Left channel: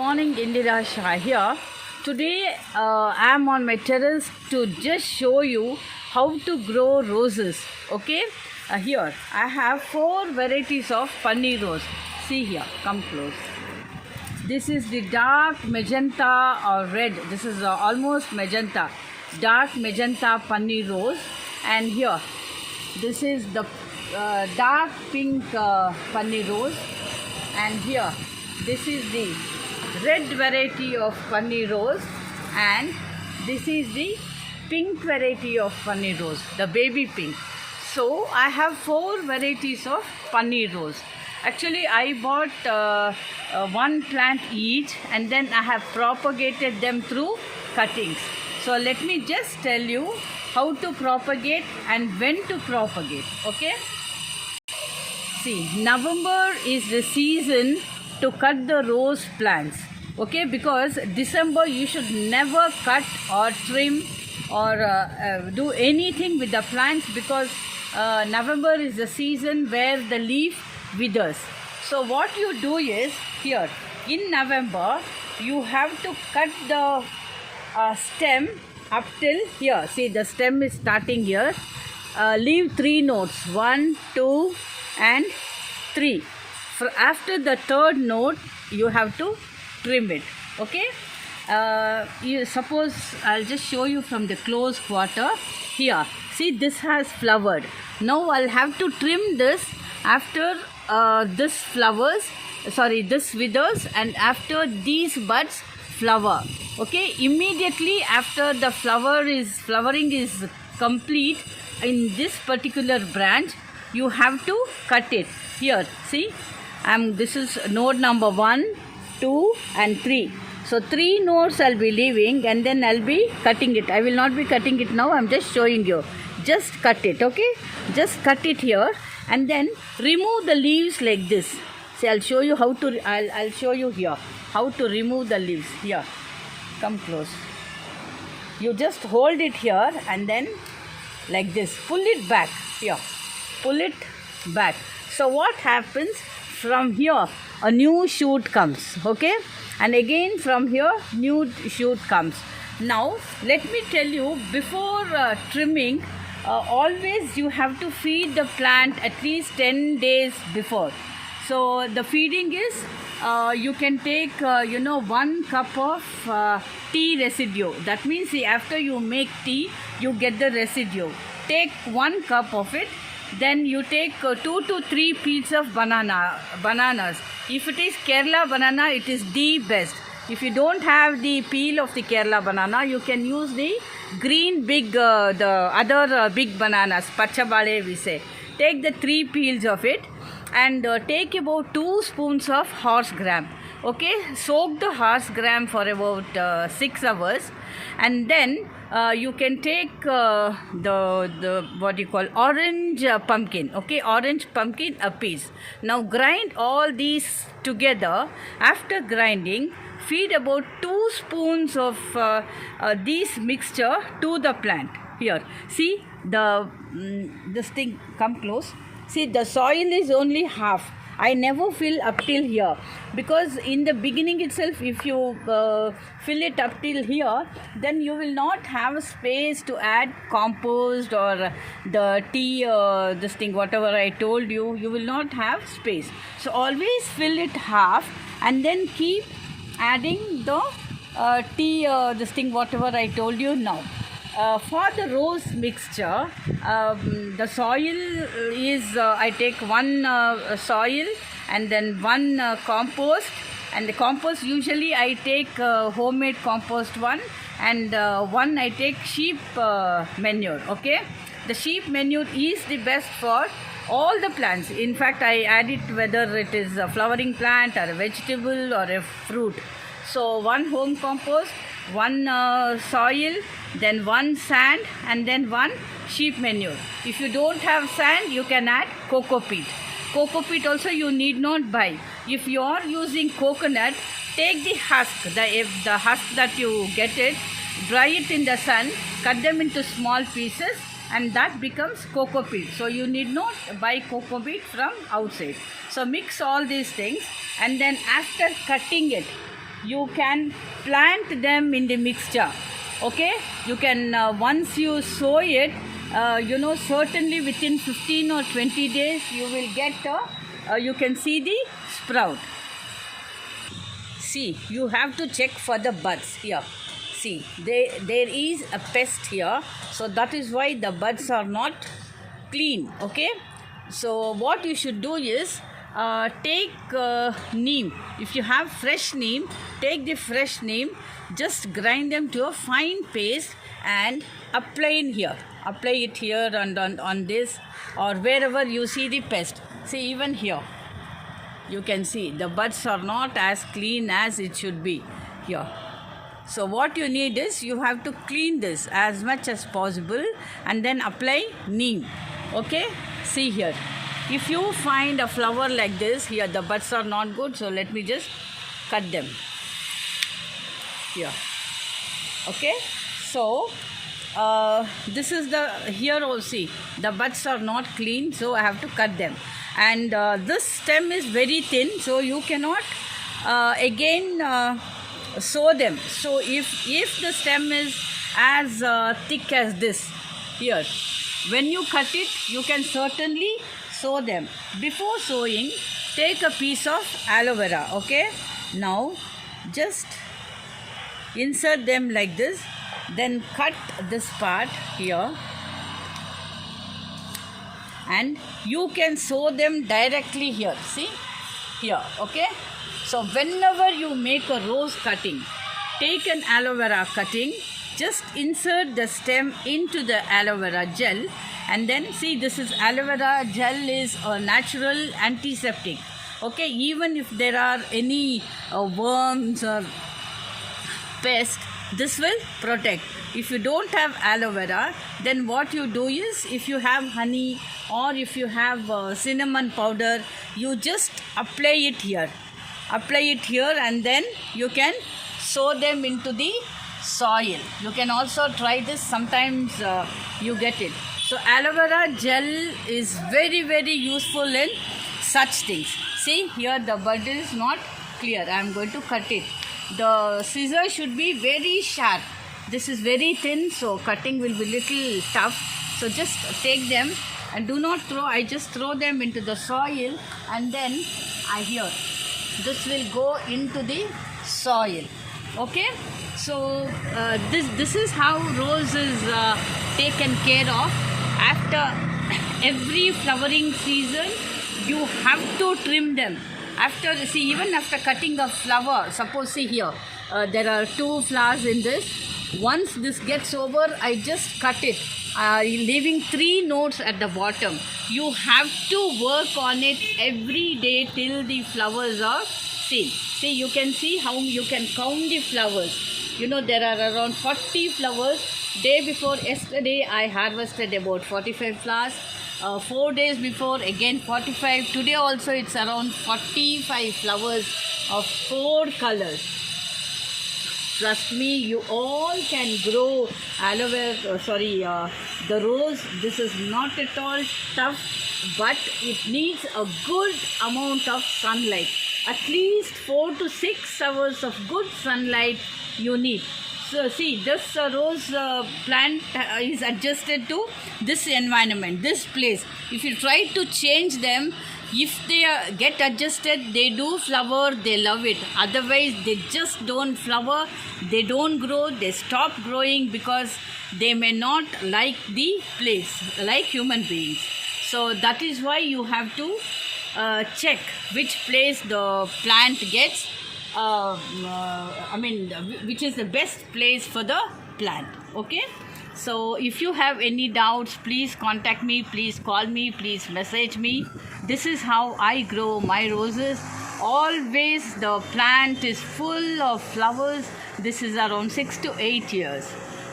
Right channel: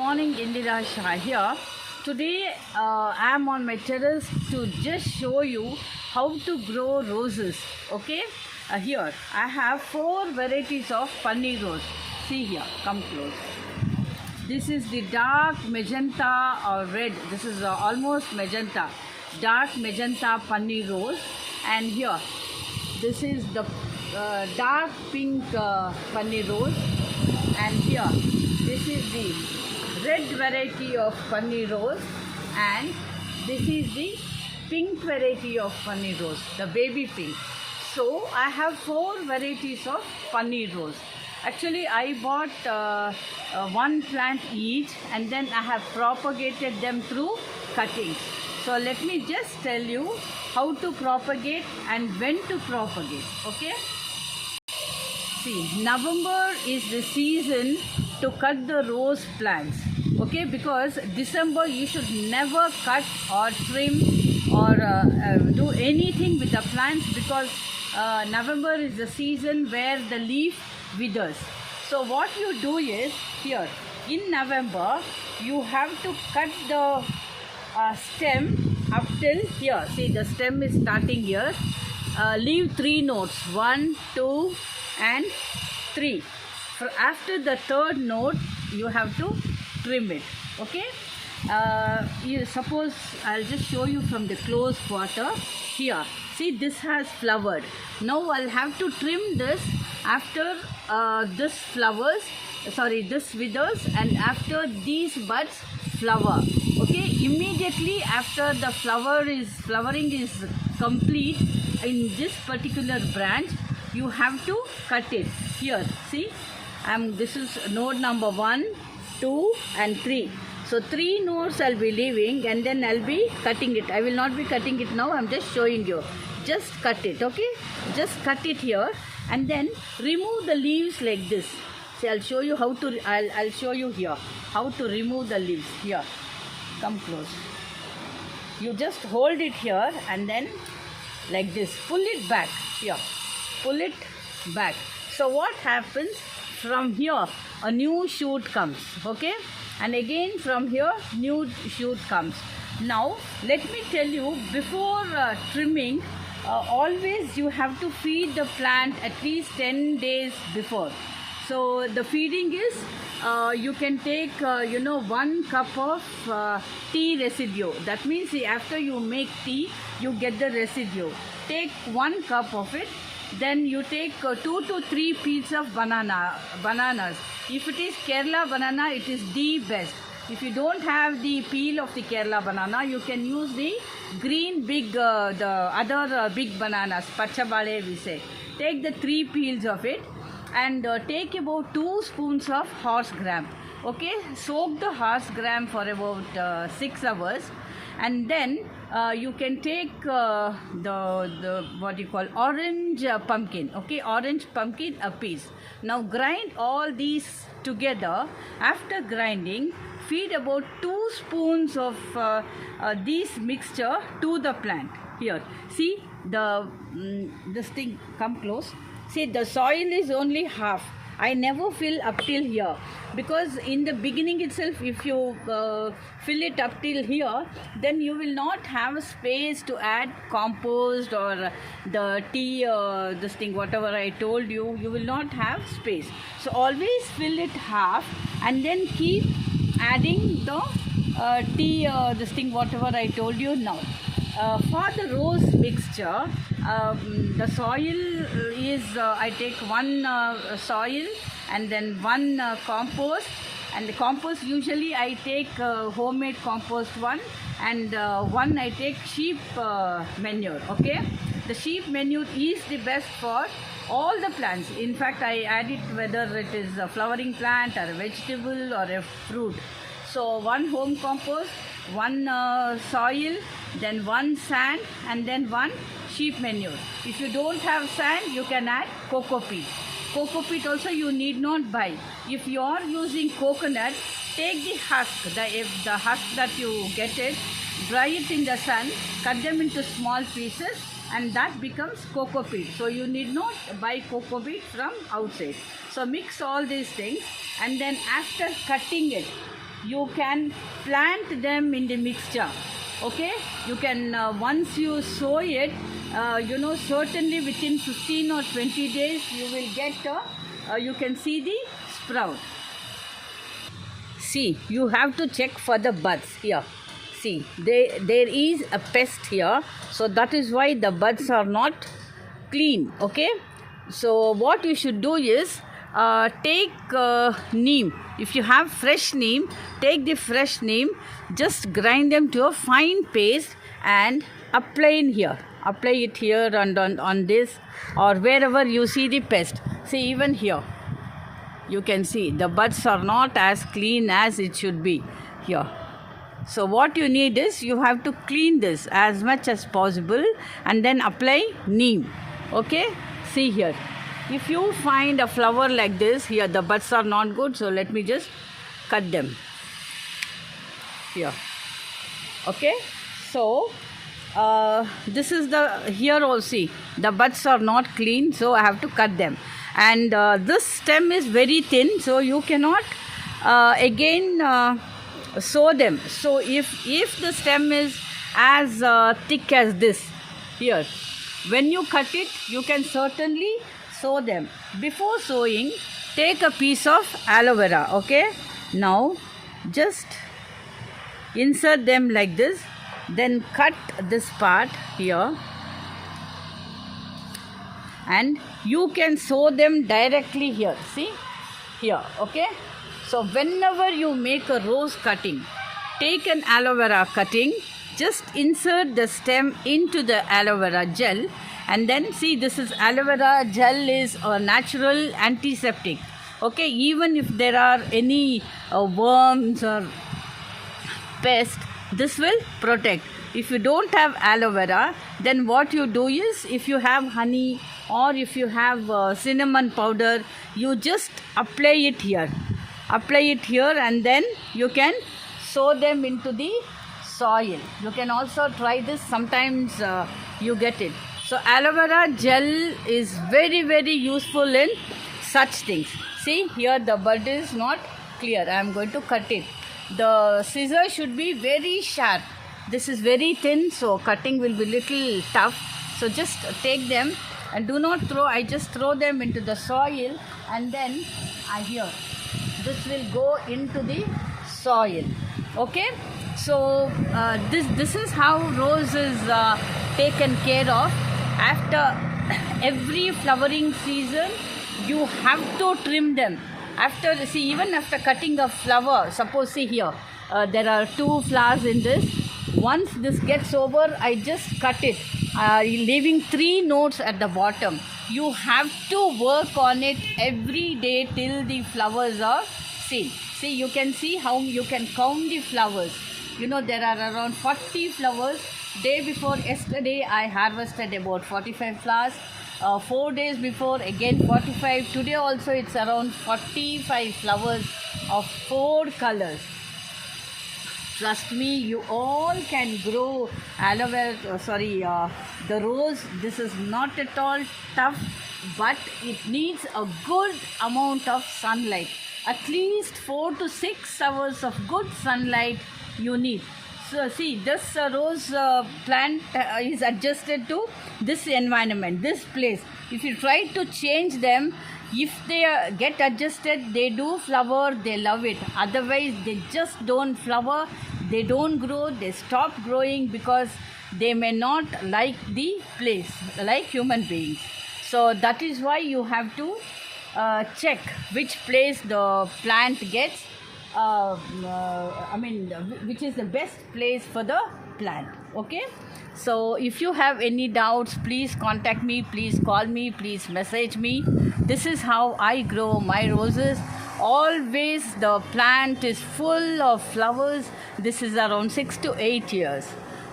Morning, Indira Shah here. Today I am on my terrace to just show you how to grow roses. Okay, here I have 4 varieties of paneer rose. See here, come close. This is the dark magenta or red. This is almost magenta, dark magenta paneer rose, and here this is the dark pink paneer rose, and here this is the red variety of paneer rose, and this is the pink variety of paneer rose, the baby pink. So I have 4 varieties of paneer rose. Actually I bought one plant each, and then I have propagated them through cuttings. So let me just tell you how to propagate and when to propagate. Okay, see, November is the season to cut the rose plants. Okay, because December you should never cut or trim or do anything with the plants, because November is the season where the leaf withers. So what you do is, here in November you have to cut the stem up till here. See, the stem is starting here. Leave 3 nodes, 1, 2 and 3. After the 3rd node you have to trim it. Okay, you suppose I'll just show you from the close quarter. Here, see, this has flowered. Now I'll have to trim this after this flowers, this withers, and after these buds flower. Okay, immediately after the flowering is complete in this particular branch, you have to cut it. Here, see, this is node number 1, 2 and 3. So 3 nodes I'll be leaving, and then I'll be cutting it. I will not be cutting it now, I'm just showing you. Just cut it, okay? Just cut it here, and then remove the leaves like this. See, I'll show you how to, I'll show you here how to remove the leaves. Here, come close. You just hold it here and then like this, pull it back. Here, pull it back. So what happens? From here a new shoot comes, okay, and again from here new shoot comes. Now let me tell you, before trimming, always you have to feed the plant at least 10 days before. So the feeding is, you can take 1 cup of tea residue. That means, see, after you make tea you get the residue. Take 1 cup of it. Then you take 2 to 3 peels of bananas. If it is Kerala banana, it is the best. If you don't have the peel of the Kerala banana, you can use the green big, the other big bananas, pachabale we say. Take the 3 peels of it, and take about 2 spoons of horse gram. Okay, soak the horse gram for about 6 hours, and then you can take the what you call orange pumpkin. Okay, orange pumpkin a piece. Now grind all these together. After grinding, feed about 2 spoons of this mixture to the plant. Here, see, this thing, come close. See, the soil is only half. I never fill up till here, because in the beginning itself, if you fill it up till here, then you will not have space to add compost or the tea, this thing, whatever I told you, you will not have space. So always fill it half, and then keep adding the tea, this thing, whatever I told you now. For the rose mixture, the soil is, I take 1 soil and then 1 compost, and the compost usually I take homemade compost 1, and 1 I take sheep manure. Okay, the sheep manure is the best for all the plants. In fact, I add it whether it is a flowering plant or a vegetable or a fruit. So 1 home compost, 1 soil, then 1 sand, and then 1 sheep manure. If you don't have sand, you can add coco peat. Coco peat also you need not buy. If you are using coconut, take the husk, the husk that you get it, dry it in the sun, cut them into small pieces, and that becomes coco peat. So you need not buy coco peat from outside. So mix all these things, and then after cutting it, you can plant them in the mixture. Okay, you can once you sow it, certainly within 15 or 20 days you will get you can see the sprout. See, you have to check for the buds here. See, there is a pest here, so that is why the buds are not clean. Okay, so what you should do is take neem. If you have fresh neem, take the fresh neem, just grind them to a fine paste and apply it here and on this or wherever you see the pest. See, even here you can see the buds are not as clean as it should be here. So what you need is you have to clean this as much as possible and then apply neem. Okay, see here, if you find a flower like this, here the buds are not good, so let me just cut them here. Okay, so this is the, here also the buds are not clean, so I have to cut them. And this stem is very thin, so you cannot again sow them. So if the stem is as thick as this here, when you cut it, you can certainly sow them. Before sowing, take a piece of aloe vera. Okay, now just insert them like this, then cut this part here, and you can sow them directly here. See here. Okay, so whenever you make a rose cutting, take an aloe vera cutting, just insert the stem into the aloe vera gel, and then see, this is aloe vera gel is a natural antiseptic. Okay, even if there are any worms or pests, this will protect. If you don't have aloe vera, then what you do is, if you have honey or if you have cinnamon powder, you just apply it here, and then you can sow them into the soil. You can also try this, sometimes you get it. So aloe vera gel is very, very useful in such things. See here, the bud is not clear. I am going to cut it. The scissors should be very sharp. This is very thin, so cutting will be little tough. So just take them and do not throw. I just throw them into the soil, and then this will go into the soil. Okay, so this is how rose is taken care of. After every flowering season, you have to trim them. Even after cutting a flower, suppose see here, there are 2 flowers in this. Once this gets over, I just cut it, leaving 3 nodes at the bottom. You have to work on it every day till the flowers are seen. See, you can see how you can count the flowers. There are around 40 flowers. Day before yesterday, I harvested about 45 flowers. 4 days before, again 45. Today also it's around 45 flowers of 4 colors. Trust me, you all can grow the rose. This is not at all tough, but it needs a good amount of sunlight. At least 4 to 6 hours of good sunlight you need. So see, this rose plant is adjusted to this environment, this place. If you try to change them, if they get adjusted, they do flower, they love it. Otherwise, they just don't flower, they don't grow, they stop growing because they may not like the place, like human beings. So that is why you have to check which place the plant gets. Which is the best place for the plant. Okay, so if you have any doubts, please contact me, please call me, please message me. This is how I grow my roses. Always the plant is full of flowers. This is around 6 to 8 years.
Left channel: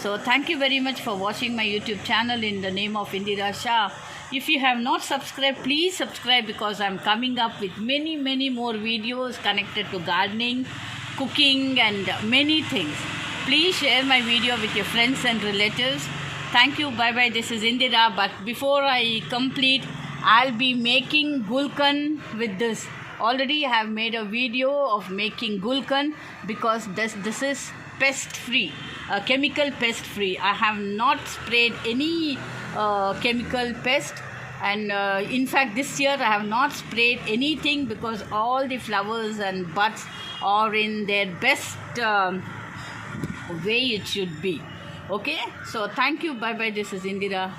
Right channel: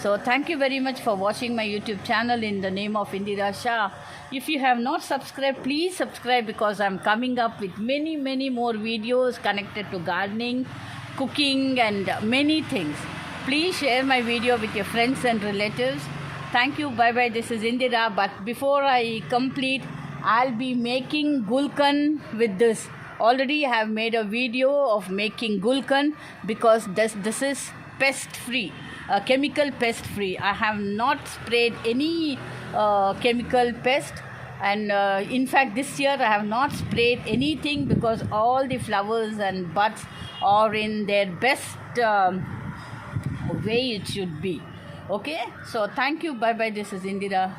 So thank you very much for watching my YouTube channel in the name of Indira Shah. If you have not subscribed, please subscribe, because I'm coming up with many, many more videos connected to gardening, cooking and many things. Please share my video with your friends and relatives. Thank you. Bye-bye. This is Indira. But before I complete, I'll be making gulkan with this. already I have made a video of making gulkan, because this is pest free, chemical pest free. I have not sprayed any chemical pest, and in fact this year I have not sprayed anything, because all the flowers and buds are in their best way it should be. Okay, so thank you, bye bye. This is Indira.